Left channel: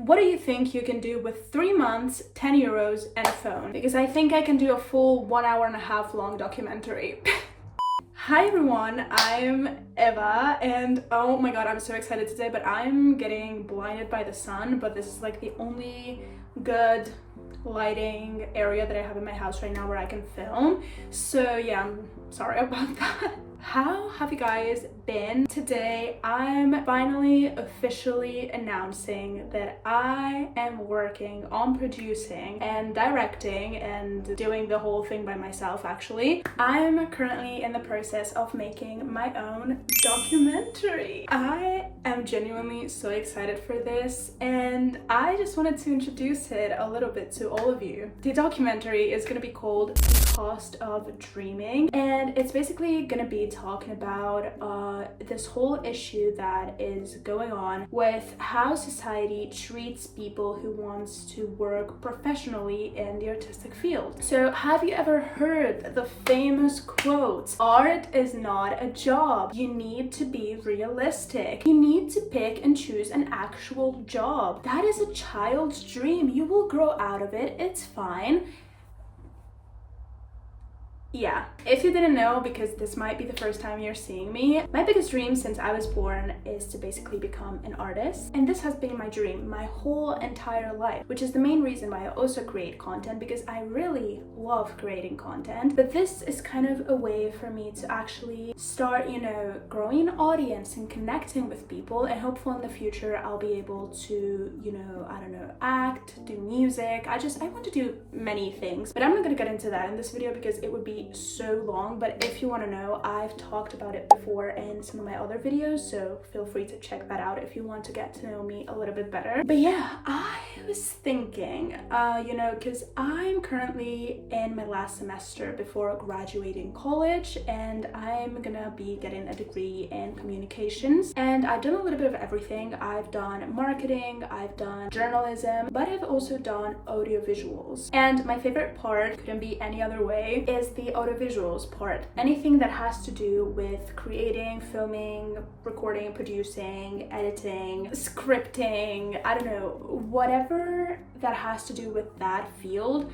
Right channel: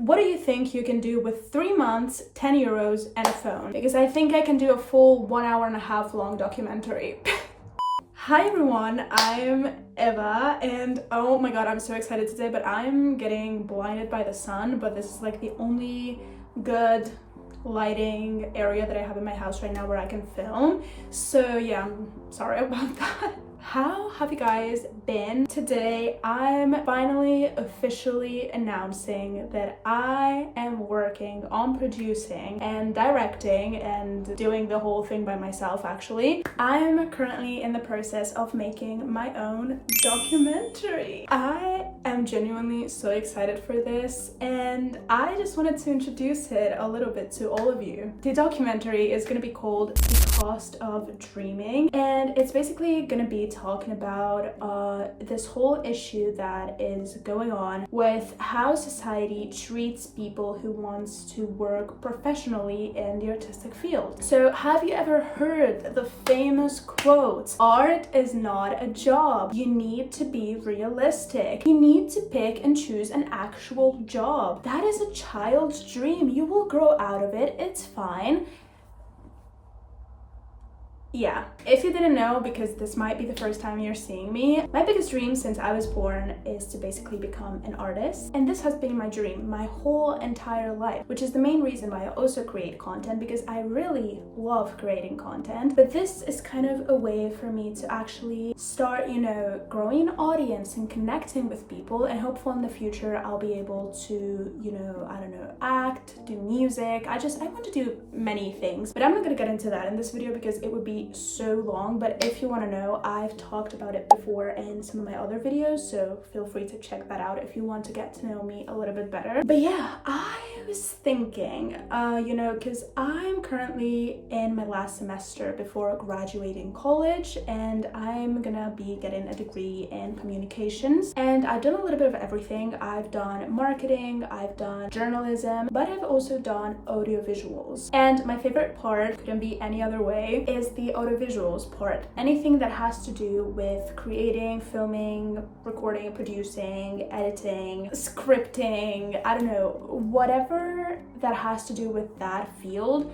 What do you think you can do with 3 months, 10 euros, and a phone? Because I think I can do a full 1.5 hour long documentary. Hi everyone, I'm Eva, and oh my god, I'm so excited today, but I'm getting blinded by the sun, but this is like the only good lighting area that I have in my house right now where I can film. So yeah, I'm sorry about that. How have you guys been? Today I'm finally officially announcing that I am working on producing and directing and doing the whole thing by myself. Actually, I'm currently in the process of making my own documentary. I am genuinely so excited for this, and I just wanted to introduce it a little bit to all of you. The documentary is going to be called The Cost of Dreaming, and it's basically going to be talking about this whole issue that is going on with how society treats people who wants to work professionally in the artistic field. So have you ever heard the famous quote, "Art is not a job. You need to be realistic. You need to pick and choose an actual job. That is a child's dream. You will grow out of it. It's fine." Yeah, if you didn't know, because this might be the first time you're seeing me, my biggest dream since I was born is to basically become an artist. And this has been my dream my whole entire life, which is the main reason why I also create content, because I really love creating content. But this is kind of a way for me to actually start, growing an audience and connecting with people. And hopefully in the future, I'll be able to, act, do music. I want to do many things, but I'm not gonna get into that in this video because it would be so long. But if you want to know, I've talked about it before in some of my other videos, so feel free to check that out if you want to get to know me a little bit better. But yeah, I was thinking, because I'm currently in my last semester before graduating college, and I'm gonna be getting a degree in communications, and I've done a little bit of everything. I've done marketing, I've done journalism, but I've also done audiovisuals. And my favorite part, couldn't be any other way, is the audiovisuals part. Anything that has to do with creating, filming, recording, producing, editing, scripting, I don't know, whatever that has to do with that field,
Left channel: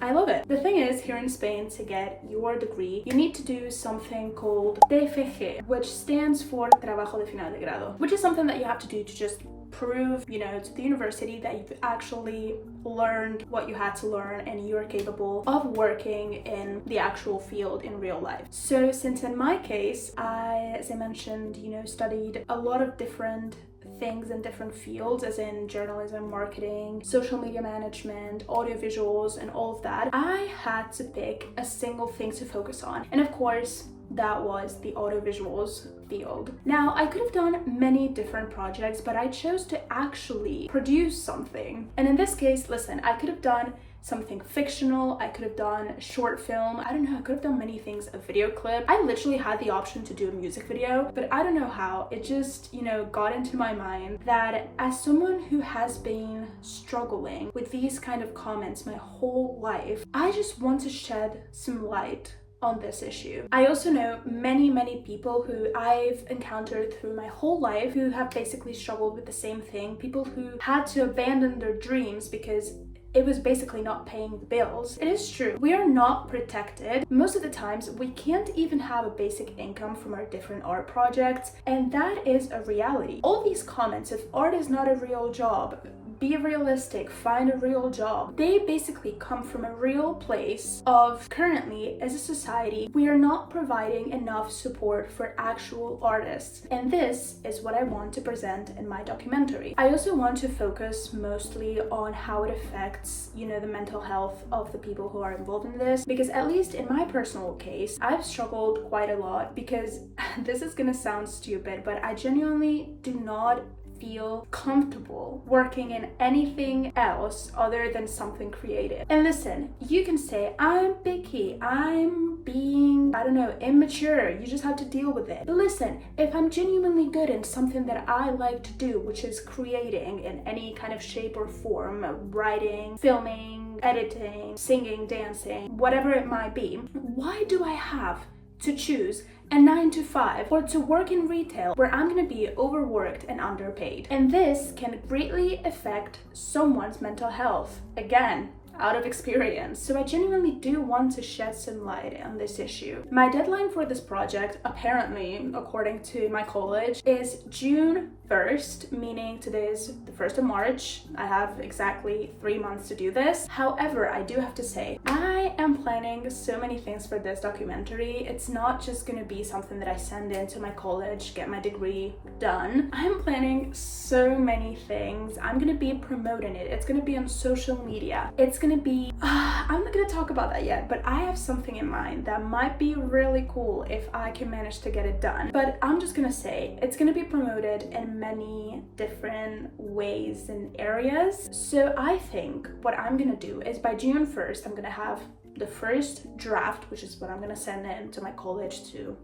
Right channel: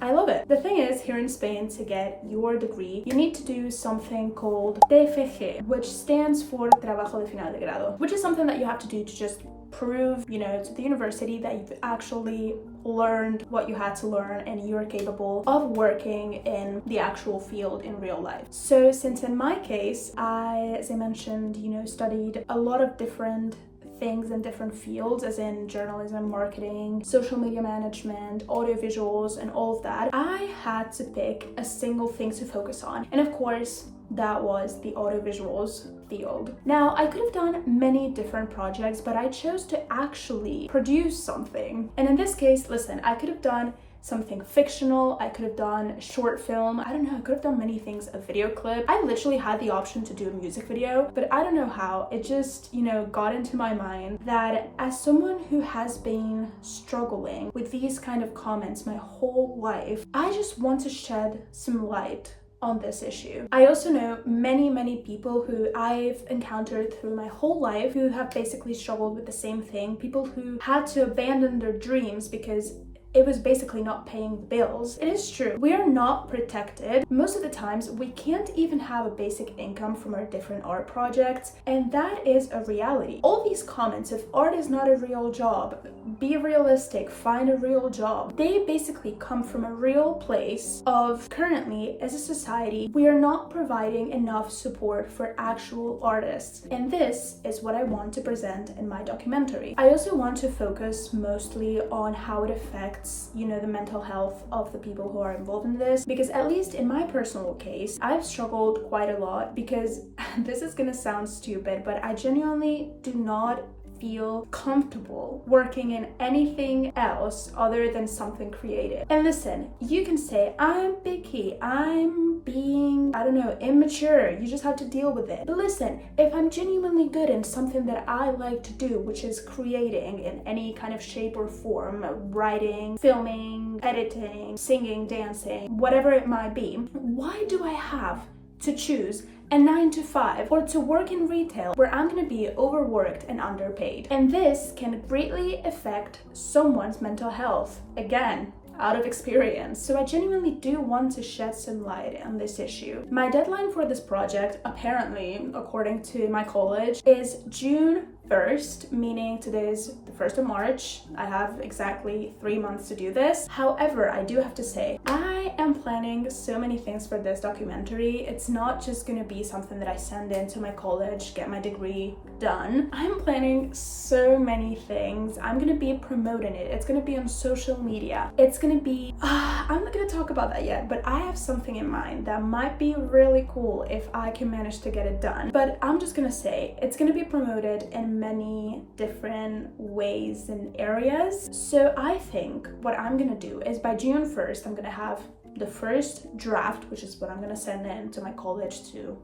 I love it. The thing is, here in Spain, to get your degree, you need to do something called TFG, which stands for Trabajo de Final de Grado, which is something that you have to do to just prove, to the university that you've actually learned what you had to learn and you're capable of working in the actual field in real life. So since in my case, I, as I mentioned, studied a lot of different things in different fields, as in journalism, marketing, social media management, audiovisuals, and all of that, I had to pick a single thing to focus on. And of course, that was the audiovisuals field. Now, I could have done many different projects, but I chose to actually produce something. And in this case, listen, I could have done something fictional, I could have done a short film, I don't know, I could have done many things, a video clip. I literally had the option to do a music video, but I don't know how, it just, got into my mind that as someone who has been struggling with these kind of comments my whole life, I just want to shed some light on this issue. I also know many people who I've encountered through my whole life who have basically struggled with the same thing, people who had to abandon their dreams because it was basically not paying the bills. It is true, we are not protected. Most of the times, we can't even have a basic income from our different art projects, and that is a reality. All these comments, if art is not a real job, be realistic, find a real job, they basically come from a real place of currently, as a society, we are not providing enough support for actual artists. And this is what I want to present in my documentary. I also want to focus mostly on how it affects the mental health of the people who are involved in this, because at least in my personal case, I've struggled quite a lot, because this is gonna sound stupid, but I genuinely do not feel comfortable working in anything else other than something creative. And listen, you can say I'm picky, I'm being, immature, you just have to deal with it. But listen, if I'm genuinely good in something that I like to do, which is creating in any kind of shape or form, writing, filming, editing, singing, dancing, whatever it might be, why do I have to choose a 9 to 5 or to work in retail where I'm gonna be overworked and underpaid. And this can greatly affect someone's mental health. Again, out of experience. So I genuinely do want to shed some light on this issue. My deadline for this project, apparently, according to my college, is June 1st, meaning today is the 1st of March. I have exactly 3 months to do this. However, I do have to say, I am planning so many things for this documentary. It's not just gonna be something that I send in to my college, get my degree done. I'm planning so many things. I'm gonna be promoting it. It's gonna be on social media. It's gonna be, I'm not gonna talk about that yet, but I have something in mind that might be really cool if I can manage to get it done. But I'm just gonna say, it's gonna be promoted in many different ways and areas. So I think what I'm gonna do is by June 1st, I'm gonna have the first draft, which is what I'm gonna send in to my college to,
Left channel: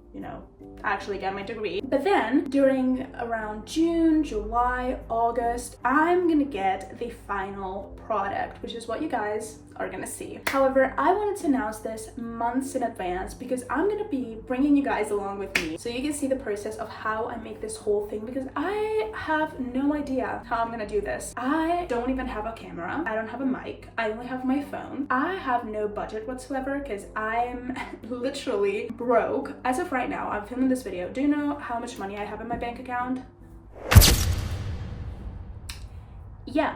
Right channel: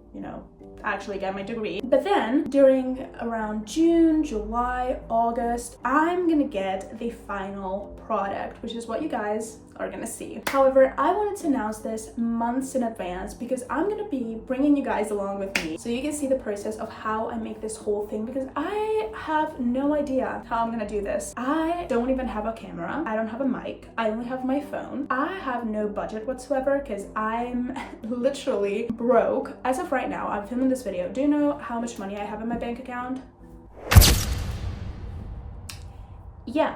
actually get my degree. But then during around June, July, August, I'm gonna get the final product, which is what you guys are gonna see. However, I wanted to announce this months in advance because I'm gonna be bringing you guys along with me so you can see the process of how I make this whole thing, because I have no idea how I'm gonna do this. I don't even have a camera. I don't have a mic. I only have my phone. I have no budget whatsoever because I'm literally broke. As of right now, I'm filming this video. Do you know how much money I have in my bank account? Yeah.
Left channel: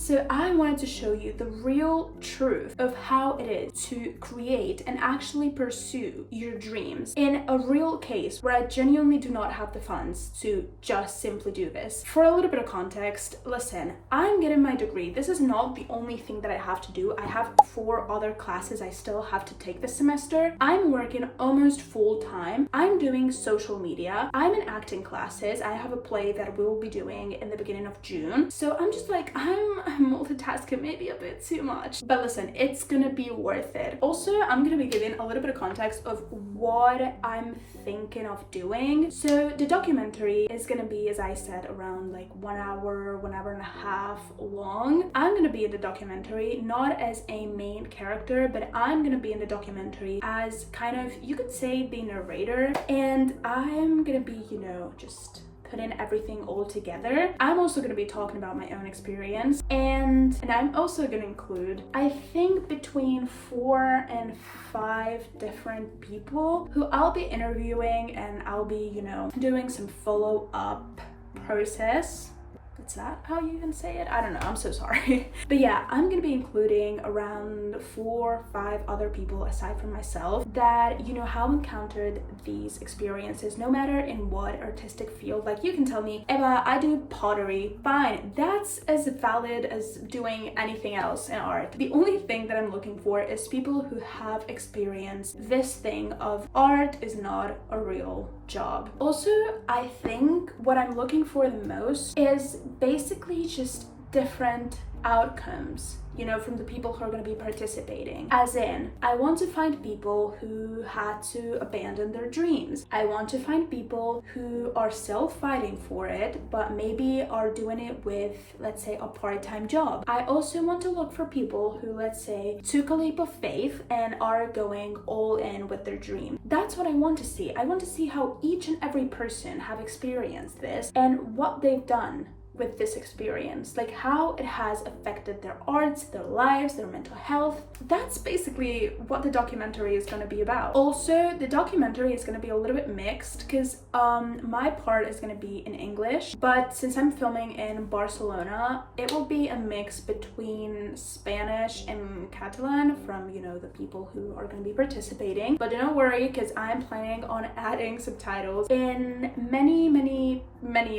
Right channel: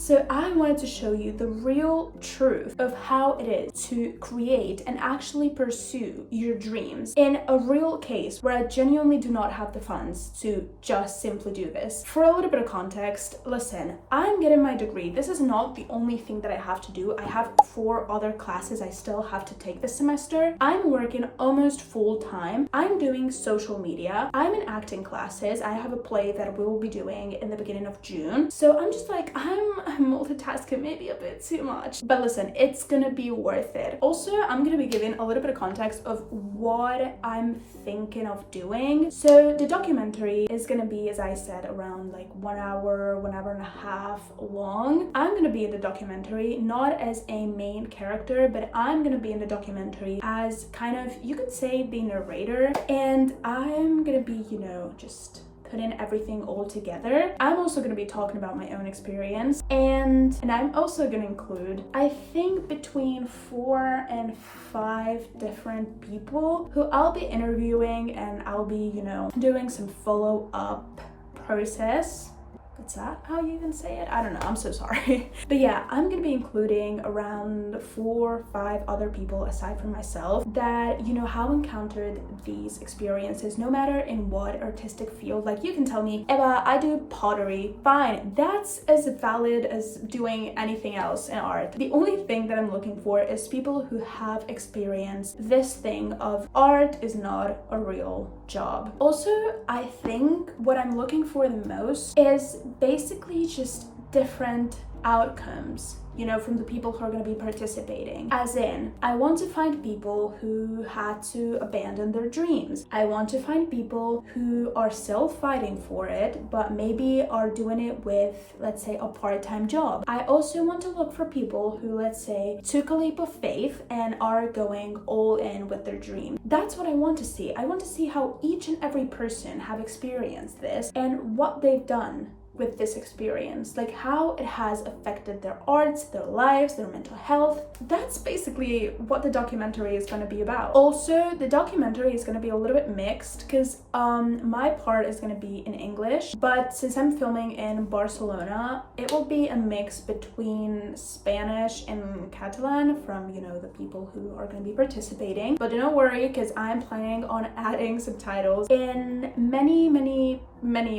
So I wanted to show you the real truth of how it is to create and actually pursue your dreams in a real case where I genuinely do not have the funds to just simply do this. For a little bit of context, listen, I'm getting my degree. This is not the only thing that I have to do. I have 4 other classes I still have to take this semester. I'm working almost full time. I'm doing social media. I'm in acting classes. I have a play that we will be doing in the beginning of June. So I'm just like, I'm multitasking maybe a bit too much, but listen, it's gonna be worth it. Also, I'm gonna be giving a little bit of context of what I'm thinking of doing. So the documentary is gonna be, as I said, around like 1 hour, 1 hour and a half long. I'm gonna be in the documentary not as a main character, but I'm gonna be in the documentary as kind of, you could say, the narrator, and I'm gonna be, just putting everything all together. I'm also going to be talking about my own experience, and I'm also going to include, I think, between 4 and 5 different people who I'll be interviewing, and I'll be, doing some follow-up process. Is that how you even say it? I don't know, I'm so sorry. But yeah, I'm gonna be including around 4 or 5 other people aside from myself that, have encountered these experiences, no matter in what artistic field. Like, you can tell me, Eva, I do pottery. Fine, that's as valid as doing anything else in art. The only thing that I'm looking for is people who have experienced this thing of art is not a real job. Also, I think what I'm looking for the most is basically just different outcomes, from the people who are going to be participating. As in, I want to find people who had to abandon their dreams. I want to find people who are still fighting for it, but maybe are doing it with, let's say, a part-time job. I also want to look for people who, let's say, took a leap of faith and are going all in with their dream. That's what I want to see. I want to see how each and every person have experienced this and what they've done with this experience, like how it has affected their arts, their lives, their mental health. That's basically what the documentary is going to be about. Also, the documentary is going to be a little bit mixed because my part is going to be in English, but since I'm filming in Barcelona, it will be a mix between Spanish and Catalan from, the people who are going to be participating. But don't worry, because I'm planning on adding subtitles in many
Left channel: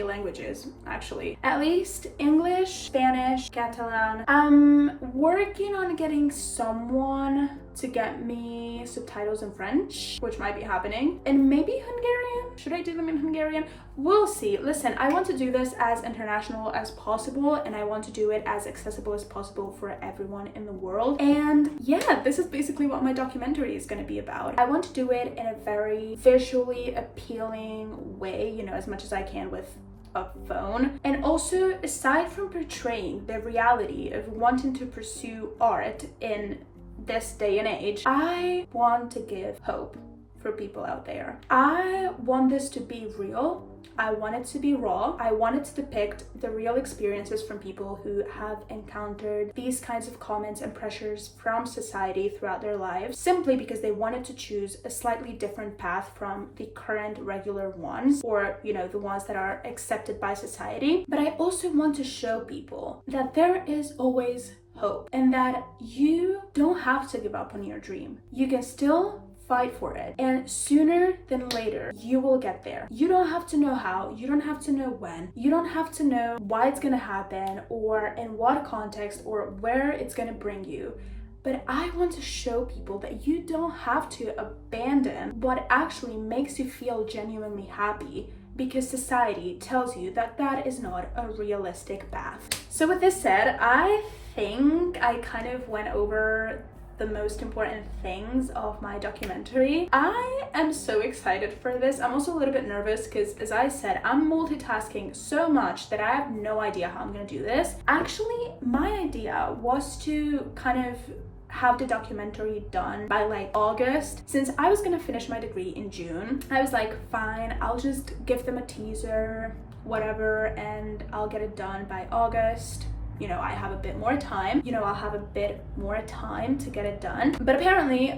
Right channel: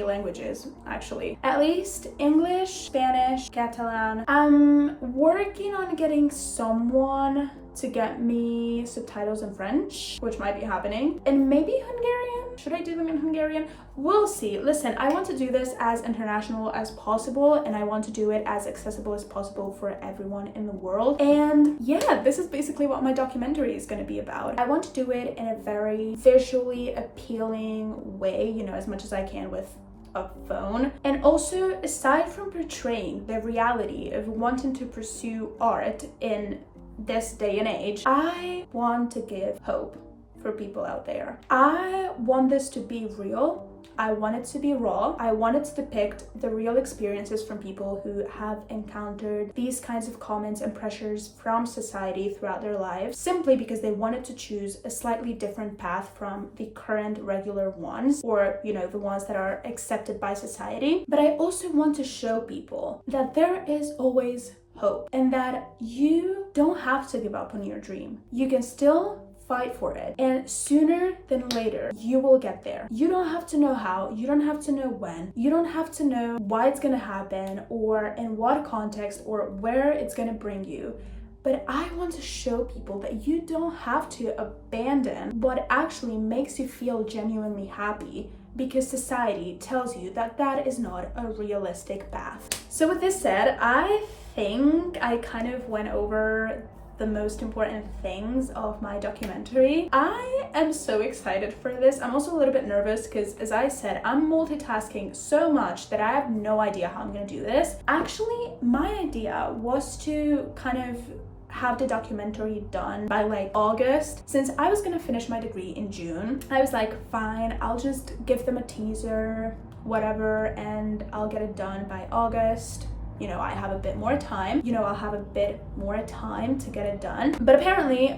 languages, actually. At least English, Spanish, Catalan. I'm working on getting someone to get me subtitles in French, which might be happening, and maybe Hungarian. Should I do them in Hungarian? We'll see. Listen, I want to do this as international as possible, and I want to do it as accessible as possible for everyone in the world. And yeah, this is basically what my documentary is going to be about. I want to do it in a very visually appealing way, as much as I can with a phone. And also, aside from portraying the reality of wanting to pursue art in this day and age, I want to give hope for people out there. I want this to be real. I want it to be raw. I want it to depict the real experiences from people who have encountered these kinds of comments and pressures from society throughout their lives, simply because they wanted to choose a slightly different path from the current regular ones, or, you know, the ones that are accepted by society. But I also want to show people that there is always hope and that you don't have to give up on your dream. You can still fight for it, and sooner than later you will get there. You don't have to know how, you don't have to know when, you don't have to know why it's gonna happen or in what context or where it's gonna bring you. But I want to show people that you don't have to abandon what actually makes you feel genuinely happy, because society tells you that that is not a realistic path. So with this said, I think I kind of went over the most important things of my documentary. I am so excited for this. I'm also a little bit nervous because, as I said, I'm multitasking so much that I have no idea how I'm gonna do this. Actually, my idea was to kind of have the documentary done by like August. Since I was gonna finish my degree in June, I was like, fine, I'll just give them a teaser, whatever, and I'll get it done by August. You know, I have a bit more time, you know, I'll have a bit more time to get it done. But apparently,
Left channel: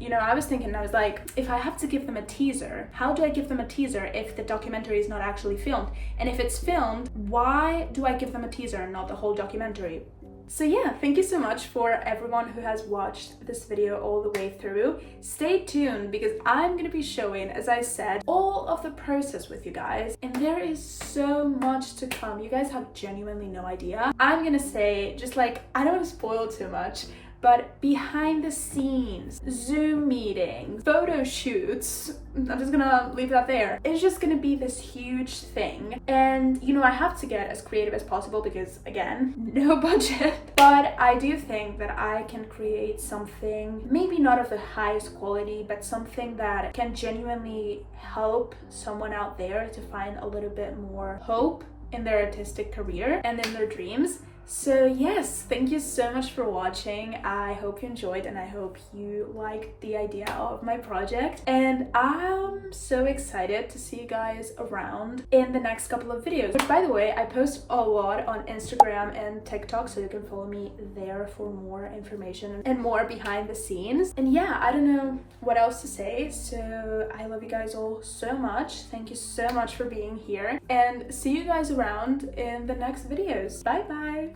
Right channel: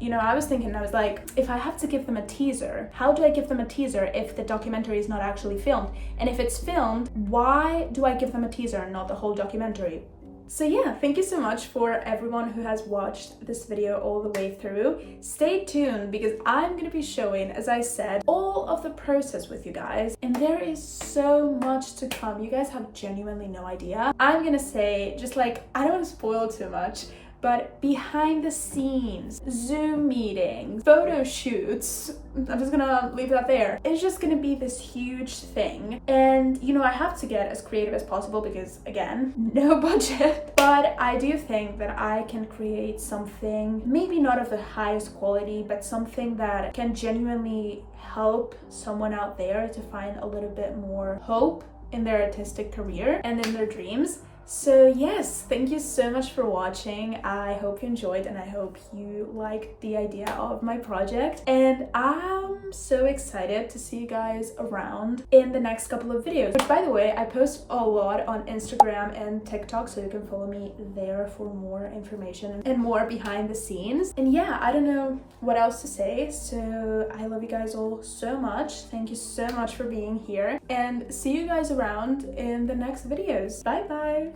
you know, I was thinking, I was like, if I have to give them a teaser, how do I give them a teaser if the documentary is not actually filmed? And if it's filmed, why do I give them a teaser and not the whole documentary? So yeah, thank you so much for everyone who has watched this video all the way through. Stay tuned because I'm gonna be showing, as I said, all of the process with you guys, and there is so much to come. You guys have genuinely no idea. I'm gonna say, just like, I don't want to spoil too much, but behind the scenes, Zoom meetings, photo shoots, I'm just gonna leave that there. It's just gonna be this huge thing. And, you know, I have to get as creative as possible because, again, no budget. But I do think that I can create something, maybe not of the highest quality, but something that can genuinely help someone out there to find a little bit more hope in their artistic career and in their dreams. So yes, thank you so much for watching. I hope you enjoyed and I hope you liked the idea of my project. And I'm so excited to see you guys around in the next couple of videos. Which, by the way, I post a lot on Instagram and TikTok, so you can follow me there for more information and more behind the scenes. And yeah, I don't know what else to say. So I love you guys all so much. Thank you so much for being here and see you guys around in the next videos. Bye bye.